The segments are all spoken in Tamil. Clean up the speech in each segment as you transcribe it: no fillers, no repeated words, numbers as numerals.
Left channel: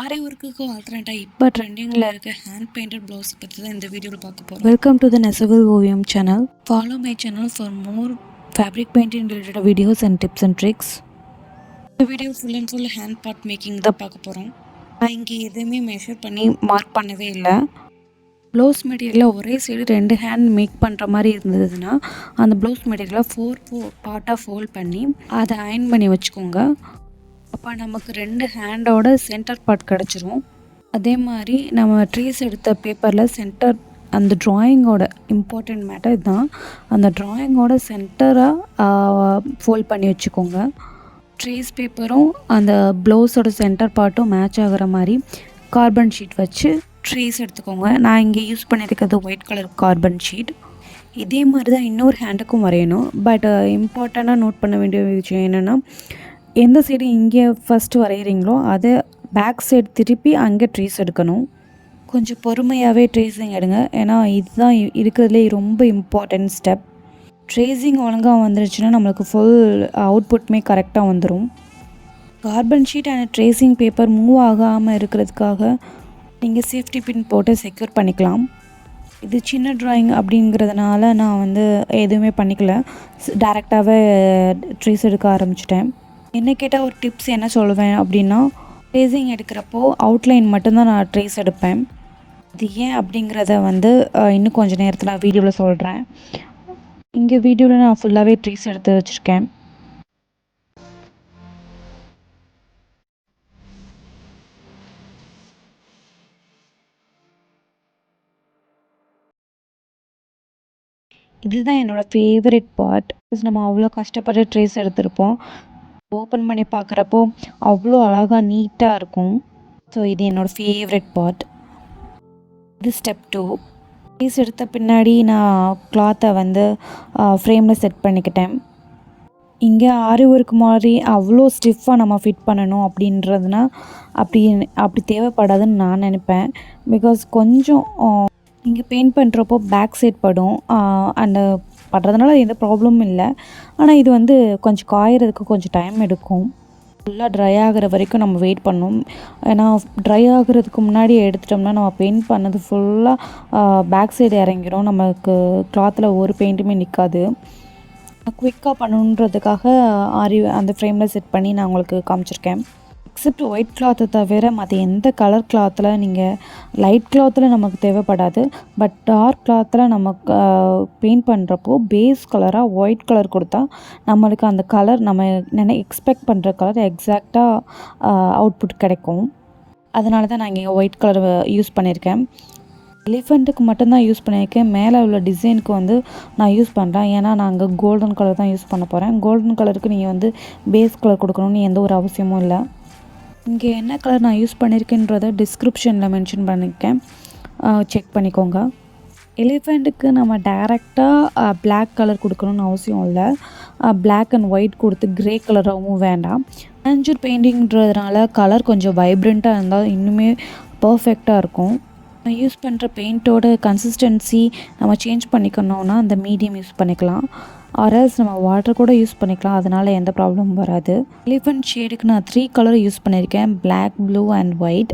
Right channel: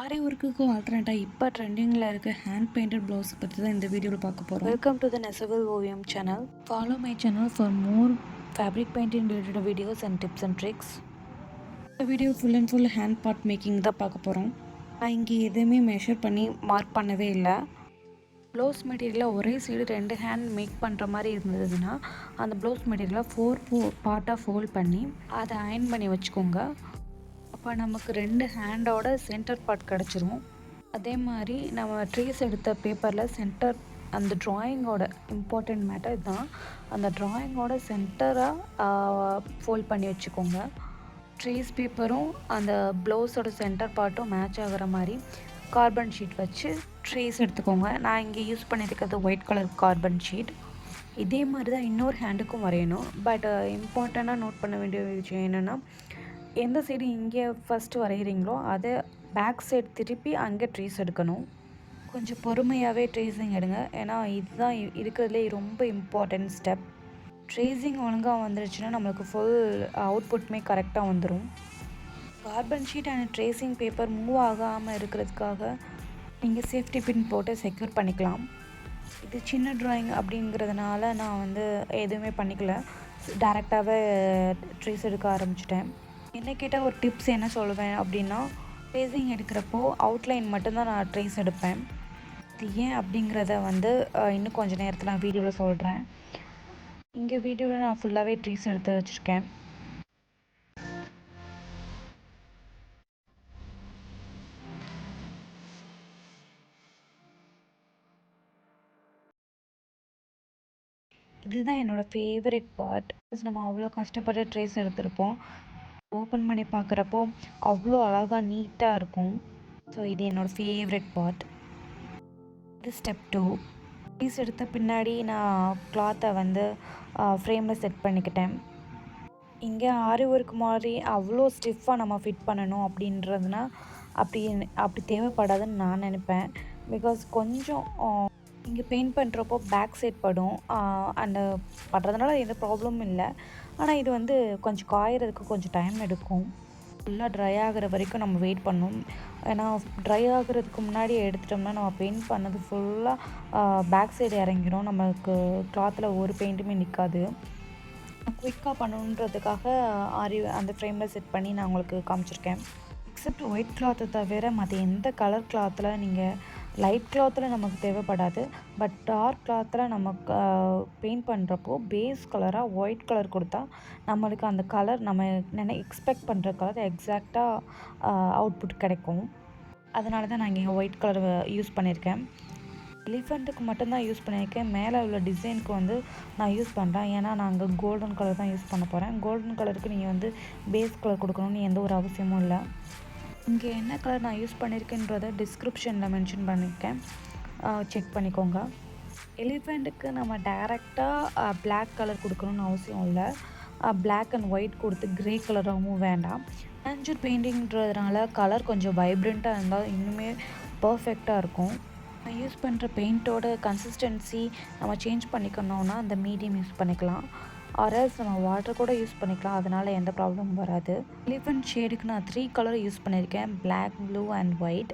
ஆரி ஒர்க்குக்கு ஆல்டர்னேட்டாக இப்போ ட்ரெண்டிங்கில் இருக்க ஹேண்ட் பெயிண்டட் ப்ளவுஸ் பற்றி தான் இந்த வீடியோவில் பார்க்க போகிறோம். வெல்கம் டு த நெசவில் ஓவியம் channel. Follow my channel for more fabric painting related videos and tips and tricks. இந்த video full and full hand part making தான் பார்க்க போகிறோம். நான் இங்கே எதுவுமே மெஷர் பண்ணி மார்க் பண்ணவே இல்லை. ப்ளவுஸ் மெட்டீரியலில் ஒரே சைடு 2 ஹேண்ட் மேக் பண்ணுற மாதிரி இருந்ததுன்னா அந்த ப்ளவுஸ் மெட்டீரியலை 4 பார்ட்டாக ஃபோல்ட் பண்ணி அதை அயன் பண்ணி வச்சுக்கோங்க. அப்போ நமக்கு 2 ஹேண்டோட சென்டர் பார்ட் கிடச்சிரும். அதே மாதிரி நம்ம ட்ரேஸ் எடுத்த பேப்பரில் சென்டர் அந்த ட்ராயிங்கோட இம்பார்ட்டண்ட் மேட்டர் தான், அந்த ட்ராயிங்கோட சென்டராக ஃபோல்ட் பண்ணி வச்சுக்கோங்க. ட்ரேஸ் பேப்பரும் அந்த ப்ளவுஸோட சென்டர் பார்ட்டும் மேட்ச் ஆகிற மாதிரி கார்பன் ஷீட் வச்சு ட்ரேஸ் எடுத்துக்கோங்க. நான் இங்கே யூஸ் பண்ணியிருக்கிறது ஒயிட் கலர் கார்பன் ஷீட். இதே மாதிரி தான் இன்னொரு ஹேண்டுக்கும் வரையணும். பட் இம்பார்ட்டண்ட்டாக நோட் பண்ண வேண்டிய விஷயம் என்னென்னா, எந்த சைடு இங்கே ஃபஸ்ட்டு வரைகிறீங்களோ அதை பேக் சைடு திருப்பி அங்கே ட்ரேஸ் எடுக்கணும். கொஞ்சம் பொறுமையாகவே ட்ரேஸிங் எடுங்க, ஏன்னா இதுதான் இருக்கிறதுலே ரொம்ப இம்பார்ட்டன்ட் ஸ்டெப். ட்ரேஸிங் ஒழுங்காக வந்துருச்சுன்னா நம்மளுக்கு ஃபுல் அவுட்புட்டுமே கரெக்டாக வந்துடும். Carbon sheet and tracing paper move ஆகாமல் இருக்கிறதுக்காக நீங்கள் சேஃப்டி பின் போட்டு செக்யூர் பண்ணிக்கலாம். இது சின்ன ட்ராயிங் அப்படிங்கிறதுனால நான் எதுவுமே பண்ணிக்கல, டேரெக்டாகவே ட்ரேஸ் எடுக்க ஆரம்பிச்சிட்டேன். என்ன கேட்டால் ஒரு டிப்ஸ் என்ன சொல்லுவேன் அப்படின்னா, ட்ரேஸிங் எடுக்கிறப்போ அவுட்லைன் மட்டும்தான் நான் ட்ரேஸ் எடுப்பேன். இது ஏன் அப்படிங்கிறத இன்னும் கொஞ்சம் நேரத்தில் நான் வீடியோவில் சொல்கிறேன். இங்கே வீடியோவில் நான் ஃபுல்லாகவே ட்ரேஸ் எடுத்து வச்சுருக்கேன். இதுதான் என்னோடய ஃபேவரட் பார்ட். நம்ம அவ்வளோ கஷ்டப்பட்டு ட்ரேஸ் எடுத்திருப்போம், ஓப்பன் பண்ணி பார்க்குறப்போ அவ்வளோ அழகாக நீட்டாக இருக்கும். ஸோ இது என்னோடய ஃபேவரட் பார்ட். இது ஸ்டெப் 2. ட்ரேஸ் எடுத்த பின்னாடி நான் கிளாத்தை ஃப்ரேமில் செட் பண்ணிக்கிட்டேன். இங்கே ஆரி ஒர்க் மாதிரி அவ்வளோ ஸ்டிஃபாக நம்ம ஃபிட் பண்ணணும் அப்படின்றதுனா அப்படி தேவைப்படாதுன்னு நான் நினைப்பேன். பிகாஸ் கொஞ்சம் இங்கே பெயிண்ட் பண்ணுறப்போ பேக் சைட் படும், அந்த படுறதுனால எந்த ப்ராப்ளமும் இல்லை. ஆனால் இது கொஞ்சம் காயறதுக்கு கொஞ்சம் டைம் எடுக்கும். ஃபுல்லாக ட்ரை ஆகிற வரைக்கும் நம்ம வெயிட் பண்ணணும். ஏன்னா ட்ரை ஆகிறதுக்கு முன்னாடி எடுத்துட்டோம்னா நம்ம பெயிண்ட் பண்ணது ஃபுல்லாக பேக் சைடு இறங்கிடும், நமக்கு கிளாத்தில் ஒரு பெயிண்ட்டுமே நிற்காது. குயிக்காக பண்ணணுன்றதுக்காக அந்த ஃப்ரேமில் செட் பண்ணி நான் உங்களுக்கு காமிச்சிருக்கேன். எக்ஸப்ட் ஒயிட் கிளாத்தை தவிர மற்ற எந்த கலர் கிளாத்தில் நீங்கள் லைட் கிளாத்தில் நமக்கு தேவைப்படாது. பட் டார்க் கிளாத்தில் நமக்கு பெயிண்ட் பண்ணுறப்போ பேஸ் கலராக ஒயிட் கலர் கொடுத்தா நம்மளுக்கு அந்த கலர் நம்ம எக்ஸ்பெக்ட் பண்ணுற கலர் எக்ஸாக்டாக அவுட்புட் கிடைக்கும். அதனால தான் நான் இங்கே ஒயிட் கலர் யூஸ் பண்ணியிருக்கேன். எலிஃபெண்ட்டுக்கு மட்டும்தான் யூஸ் பண்ணியிருக்கேன். மேலே உள்ள டிசைனுக்கு நான் யூஸ் பண்ணுறேன், ஏன்னா நான் அங்கே கோல்டன் கலர் தான் யூஸ் பண்ண போகிறேன். கோல்டன் கலருக்கு நீங்கள் பேஸ் கலர் கொடுக்கணும்னு எந்த ஒரு அவசியமும் இல்லை. இங்கே என்ன கலர் நான் யூஸ் பண்ணியிருக்கேன்றதை டிஸ்கிரிப்ஷனில் மென்ஷன் பண்ணியிருக்கேன், செக் பண்ணிக்கோங்க. எலிஃபெண்ட்டுக்கு நம்ம டைரெக்டாக பிளாக் கலர் கொடுக்கணும்னு அவசியம் இல்லை. பிளாக் அண்ட் ஒயிட் கொடுத்து க்ரே கலராகவும் வேண்டாம். மேஞ்சூர் பெயிண்டிங்கிறதுனால கலர் கொஞ்சம் வைப்ரண்ட்டாக இருந்தால் இன்னுமே பர்ஃபெக்டாக இருக்கும். நான் யூஸ் பண்ணுற பெயிண்ட்டோட கன்சிஸ்டன்சி நம்ம சேஞ்ச் பண்ணிக்கணுன்னா அந்த மீடியம் யூஸ் பண்ணிக்கலாம், ஆர்எல்ஸ் நம்ம வாட்டர் கூட யூஸ் பண்ணிக்கலாம். அதனால் எந்த ப்ராப்ளமும் வராது. எலிஃபெண்ட் ஷேடுக்கு நான் 3 கலர் யூஸ் பண்ணியிருக்கேன், black, blue and white.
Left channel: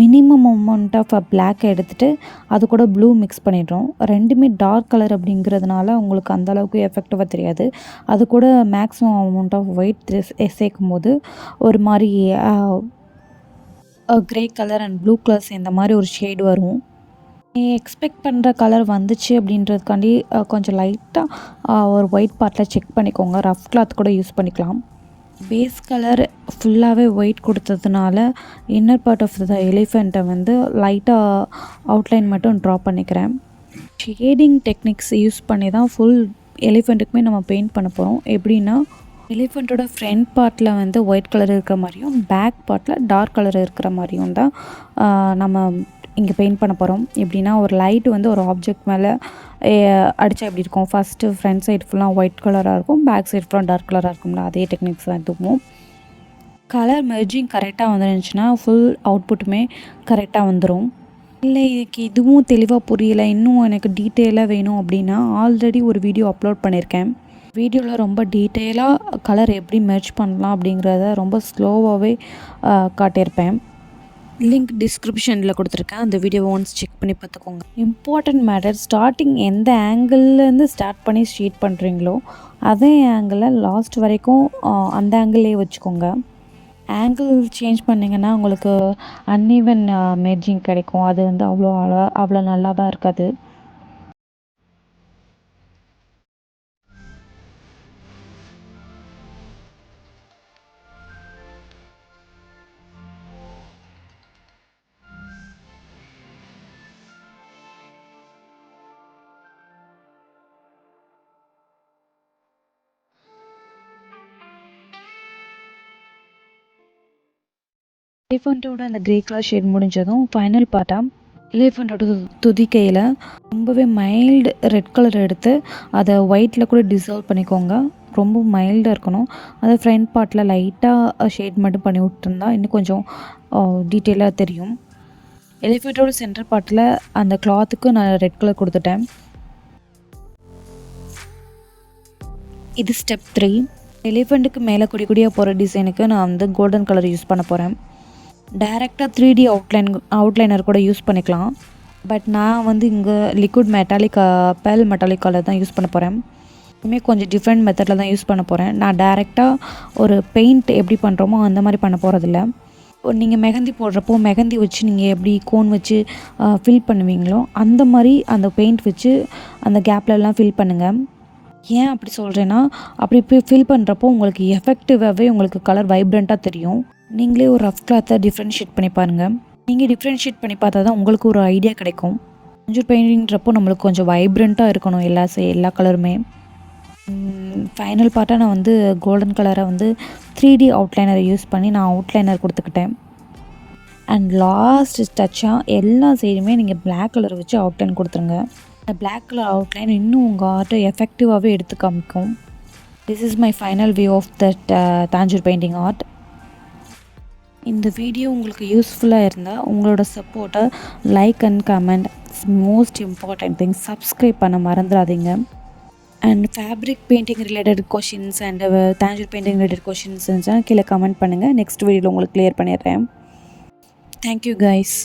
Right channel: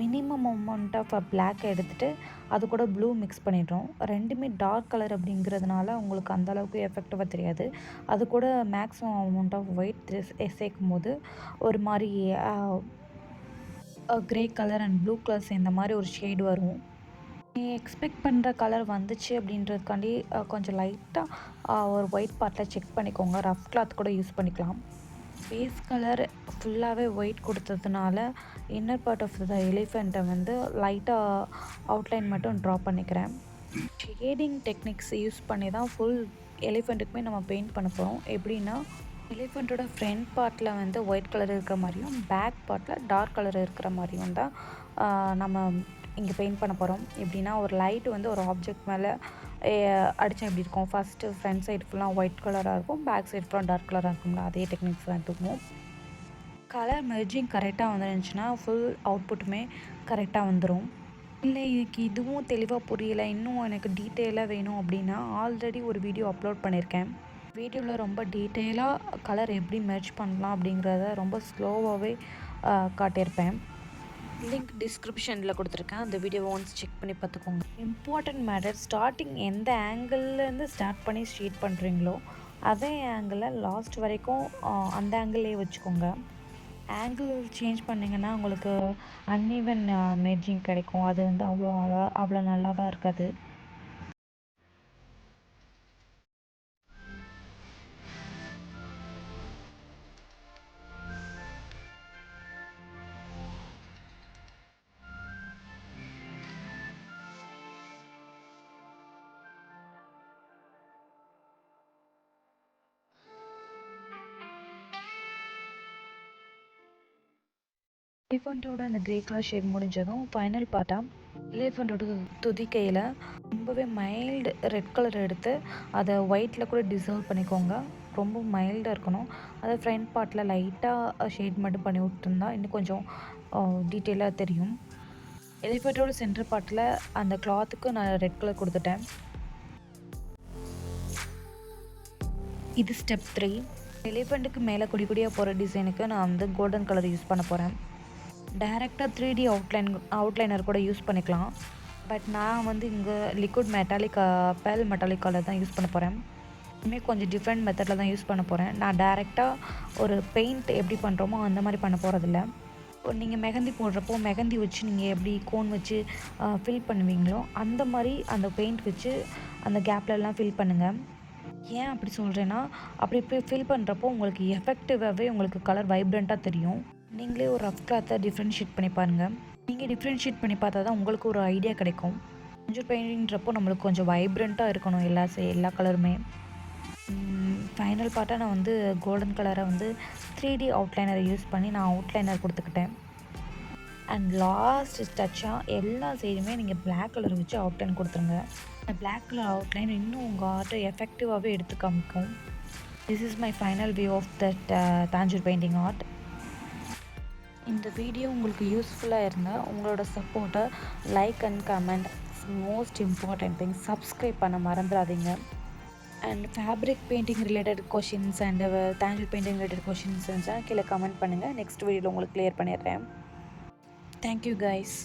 Minimum amount of black எடுத்துகிட்டு அது கூட ப்ளூ மிக்ஸ் பண்ணிடுறோம். ரெண்டுமே டார்க் கலர் அப்படிங்கிறதுனால உங்களுக்கு அந்தளவுக்கு எஃபெக்டிவாக தெரியாது. அது கூட மேக்ஸிமம் அமௌண்ட் ஆஃப் ஒயிட் சேர்க்கும் போது ஒரு மாதிரி grey colour and blue colour சேர்ந்த மாதிரி ஒரு ஷேடு வரும். எக்ஸ்பெக்ட் பண்ணுற கலர் வந்துச்சு அப்படின்றதுக்காண்டி கொஞ்சம் லைட்டாக ஒரு ஒயிட் பார்ட்டில் செக் பண்ணிக்கோங்க. ரஃப் கிளாத் கூட யூஸ் பண்ணிக்கலாம். பேஸ் கலர் ஃபுல்லாகவே ஒயிட் கொடுத்ததுனால இன்னர் பார்ட் ஆஃப் த எலிஃபெண்ட்டை லைட்டாக அவுட்லைன் மட்டும் ட்ரா பண்ணிக்கிறேன். ஷேடிங் டெக்னிக்ஸ் யூஸ் பண்ணி தான் ஃபுல் எலிஃபெண்ட்டுக்குமே நம்ம பெயிண்ட் பண்ண போகிறோம். எப்படின்னா, எலிஃபெண்ட்டோட ஃப்ரண்ட் பார்ட்டில் ஒயிட் கலர் இருக்கிற மாதிரியும் பேக் பார்ட்டில் டார்க் கலர் இருக்கிற மாதிரியும் தான் நம்ம இங்கே பெயிண்ட் பண்ண போகிறோம். எப்படின்னா, ஒரு லைட்டு ஒரு ஆப்ஜெக்ட் மேலே அடித்தா எப்படி இருக்கும், ஃபஸ்ட்டு ஃப்ரண்ட் சைடு ஃபுல்லாக ஒயிட் கலராக இருக்கும், பேக் சைடு ஃபுல்லாக டார்க் கலராக இருக்கும்ல, அதே டெக்னிக்ஸ் தான் இதுவும். கலர் மெர்ஜிங் கரெக்டாக வந்துருந்துச்சுன்னா ஃபுல் அவுட்புட்டுமே கரெக்டாக வந்துடும். இல்லை எனக்கு இதுவும் தெளிவாக புரியலை, இன்னும் எனக்கு டீட்டெயிலாக வேணும் அப்படின்னா ஆல்ரெடி ஒரு வீடியோ அப்லோட் பண்ணியிருக்கேன். வீடியோவில் ரொம்ப டீட்டெயிலாக கலர் எப்படி மெர்ஜ் பண்ணலாம் அப்படிங்கிறத ரொம்ப ஸ்லோவாகவே காட்டியிருப்பேன். லிங்க் டிஸ்கிரிப்ஷனில் கொடுத்துருக்கேன். அந்த வீடியோவை ஒன்ஸ் செக் பண்ணி பார்த்துக்கோங்க. இம்பார்ட்டன்ட் மேட்டர், ஸ்டார்டிங் எந்த ஆங்கிள்லேருந்து ஸ்டார்ட் பண்ணி ஷீட் பண்ணுறீங்களோ அதே ஆங்கிளில் லாஸ்ட் வரைக்கும் அந்த ஆங்கிள்லேயே வச்சுக்கோங்க. ஆங்கிள் சேஞ்ச் பண்ணிங்கன்னா உங்களுக்கு அன்ஈவன் மேட்சிங் கிடைக்கும். அது வந்து அவ்வளோ நல்லாவாக இருக்காது. எலிஃபண்ட்டோட அந்த கிரே கலர் ஷேட் முடிஞ்சதும் ஃபைனல் பார்ட்டாக எலிஃபண்ட்டோட துதிக்கையில் ரொம்பவே மைல்டு ரெட் கலர் எடுத்து அதை ஒயிட்டில் கூட டிசால்வ் பண்ணிக்கோங்க. ரொம்ப மைல்டாக இருக்கணும். அதை ஃப்ரண்ட் பார்ட்டில் லைட்டாக ஷேட் மட்டும் பண்ணி விட்டுருந்தா இன்னும் கொஞ்சம் டீட்டெயிலாக தெரியும். எலிஃபண்ட்டோட சென்டர் பார்ட்டில் அந்த கிளாத்துக்கு நான் ரெட் கலர் கொடுத்துட்டேன். இது ஸ்டெப் 3. எலிஃபண்ட்டுக்கு மேலே கொடி கொடியாக போகிற டிசைனுக்கு நான் வந்து கோல்டன் கலர் யூஸ் பண்ண போகிறேன். டைரெக்டாக 3D அவுட்லைனர் கூட யூஸ் பண்ணிக்கலாம். பட் நான் வந்து இங்கே லிக்விட் மெட்டாலிக் பேல் மெட்டாலிக் கலர் தான் யூஸ் பண்ண போகிறேன். இதுவுமே கொஞ்சம் டிஃப்ரெண்ட் மெத்தடில் தான் யூஸ் பண்ண போகிறேன். நான் டைரெக்டாக ஒரு பெயிண்ட் எப்படி பண்ணுறோமோ அந்த மாதிரி பண்ண போகிறதில்ல. நீங்கள் மெஹந்தி போடுறப்போ மெஹந்தி வச்சு நீங்கள் எப்படி கோன் வச்சு ஃபில் பண்ணுவீங்களோ அந்த மாதிரி அந்த பெயிண்ட் வச்சு அந்த கேப்லலாம் ஃபில் பண்ணுங்கள். ஏன் அப்படி சொல்கிறேன்னா, அப்படி ஃபில் பண்ணுறப்போ உங்களுக்கு எஃபெக்டிவாகவே உங்களுக்கு கலர் வைப்ரண்ட்டாக தெரியும். நீங்களே ஒரு ரஃப் கிளாத்தை டிஃப்ரென்ஷியேட் பண்ணி பாருங்கள். நீங்கள் டிஃப்ரென்ஷியேட் பண்ணி பார்த்தா தான் உங்களுக்கு ஒரு ஐடியா கிடைக்கும். கொஞ்சம் பெயிண்டிங்கிறப்போ நம்மளுக்கு கொஞ்சம் வைப்ரண்ட்டாக இருக்கணும் எல்லா கலருமே. ஃபைனல் பார்ட்டாக நான் வந்து கோல்டன் கலரை வந்து 3D அவுட்லைனரை யூஸ் பண்ணி நான் அவுட்லைனர் கொடுத்துக்கிட்டேன். அண்ட் லாஸ்ட் டச்சாக எல்லா சைடுமே நீங்கள் பிளாக் கலர் வச்சு அவுட்லைன் கொடுத்துருங்க. அந்த பிளாக் கலர் அவுட்லைன் இன்னும் உங்கள் ஆர்ட்டை எஃபெக்டிவாகவே எடுத்து காமிக்கும். This is my final view of that Tanjore painting art. இந்த வீடியோ உங்களுக்கு யூஸ்ஃபுல்லாக இருந்தால் உங்களோட சப்போர்ட்டை like and comment, most important thing subscribe பண்ண மறந்துடாதீங்க. And fabric painting related questions and Tanjore painting related questions இருந்துச்சுன்னா கீழே கமெண்ட் பண்ணுங்கள். நெக்ஸ்ட் வீடியோவில் உங்களுக்கு கிளியர் பண்ணிடுறேன். Thank you guys.